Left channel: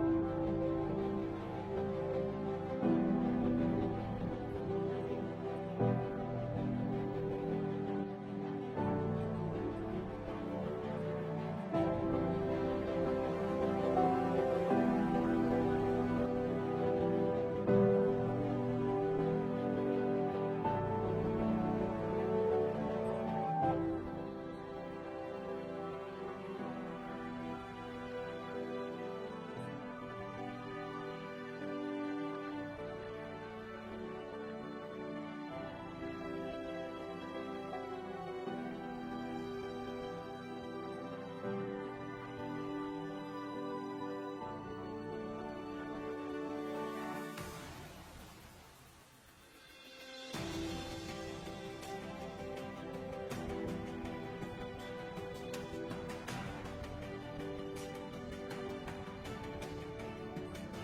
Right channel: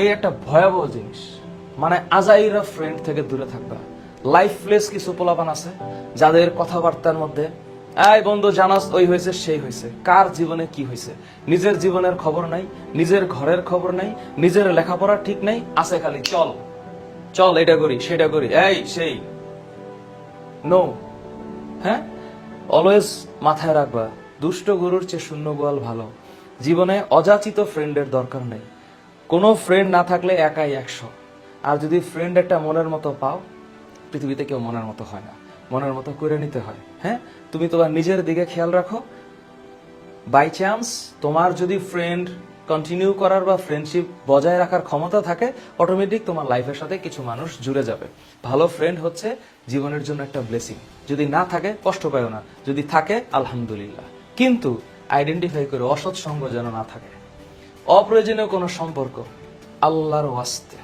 এই একটা ভয়াবহ জিনিস। মানে আজাইরা ফ্রেন্ড থেকে দূরে থাকবা। লাইফলেস কিছু পোলাপান আছে যাদের কথাবার্তার মধ্যে এই বন্ধু জানাস ওই হয়েছে সেই হয়েছে, কার জীবনে কি হয়েছে নিজের জীবনের খবর নাই, নিজের ঘরের খবর নাই, নিজের লেখাপড়া ঠিক নাই, আছে খালি চল চল এটা করি সেটা করি এই সেই। নো, হ্যাঁ, অলওয়েজ মাথায় রাখবা দুষ্ট গরুর চেয়ে শূন্য গোয়াল ভালো। জীবনে অযাচিত ফ্রেন্ডের দরকার নেই। কোনো ফ্রেন্ড না থাকলে একাই 100। আর যদি ফ্রেন্ড একটা মনের মতো পাও, পৃথিবীতে কেউ মনের মতো হয় না, মনের মতো করে নিতে হয়। হ্যাঁ, তুমি তোমার নিজের দিকে খেয়াল রাখো। বাই চান্স তোমার যদি ফ্রেন্ড কন্টিনিউ করার বা ফ্রেন্ডশিপ বজায় রাখার ক্ষমতা থাকে, অটোমেটিক তোমার লাইফের সাথে কিছু মানুষ জুড়ে যাবে। ভালো ফ্রেন্ড হচ্ছে জীবনের জন্য একটা ব্লেসিং। যদি না থাকে কষ্ট পাও না, যদি থাকে আলহামদুলিল্লাহ। কিন্তু আইডেন্টিফাই করে অসৎ সঙ্গ যেন না থাকে। অপ্রয়োজনীয় কোনো সম্পর্ক, আল্লাহর ওয়াস্তে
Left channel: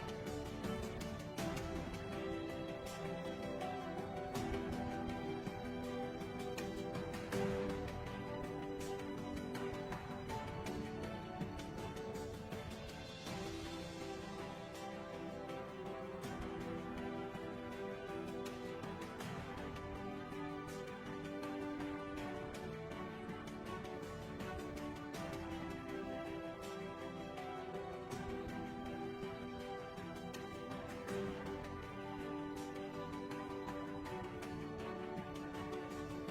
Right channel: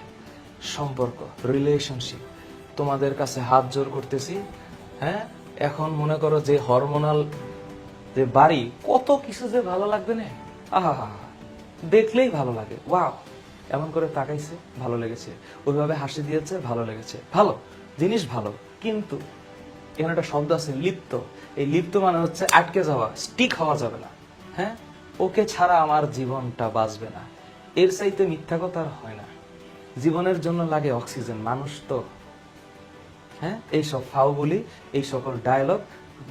সম্পর্ক, রিলেশনশিপ, তোমাদের কাছে হাত জোর করতেছি। হ্যাঁ, এখন মনে করো যে হরমোনাল যে বাড়ি, কত কিছু যে ভালো লাগবে না, আহা দেখলেই ভালো লাগে। ওয়াও, এমন করে তাকাইছে ভালো লেগেছে, ওইভাবে হাসি দিয়েছে ভালো লেগেছে, ভালো জিনিস ভালো। কিন্তু এখানে একটা শব্দ আছে লিপ্ত। এই লিপ্ত মানে হচ্ছে আটকে যাওয়া, স্টিক হওয়া যাবে না। হ্যাঁ, ওকে ছাড়া আমার জীবনটা বাঁচবে না, এর চাইতে মিথ্যা কথা আর হয় না। জীবনের জন্য লাগে অক্সিজেন, মানুষ তো। হ্যাঁ, এইসব ফাও বলি, এই সকল ডায়লগ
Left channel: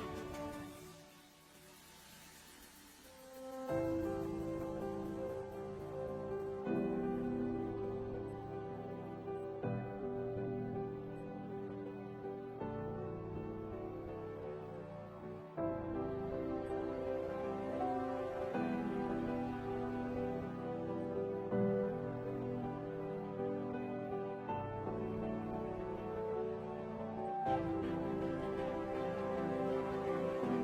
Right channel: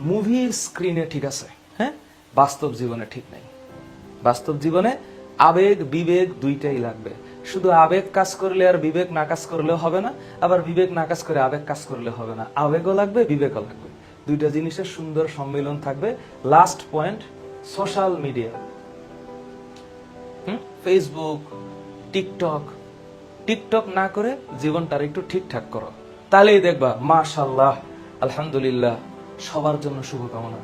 মুভির স্ক্রিনে ঠিক আছে, হ্যাঁ, বাস্তব জীবনে ঠিক নাই। বাস্তব জীবনে আবেগ বিবেক দুইটাই লাগবে। শুধু আবেগ কাজ করলে আর বিবেক না কাজ করলেও হবে না, আবার বিবেক না কাজ করে আবেগ কাজ করলে হবে না। আবেগও লাগবে, বিবেকও লাগবে, দুইটা জিনিসের সুন্দর সম্মিলন থাকবে। Last point, social media, Facebook, TikTok. TikTok না করে জীবনটার একটু ঠিকঠাক করো, তাহলেই দেখবা মাশাআল্লাহ আলহামদুলিল্লাহ সবার জন্য শুভকামনা।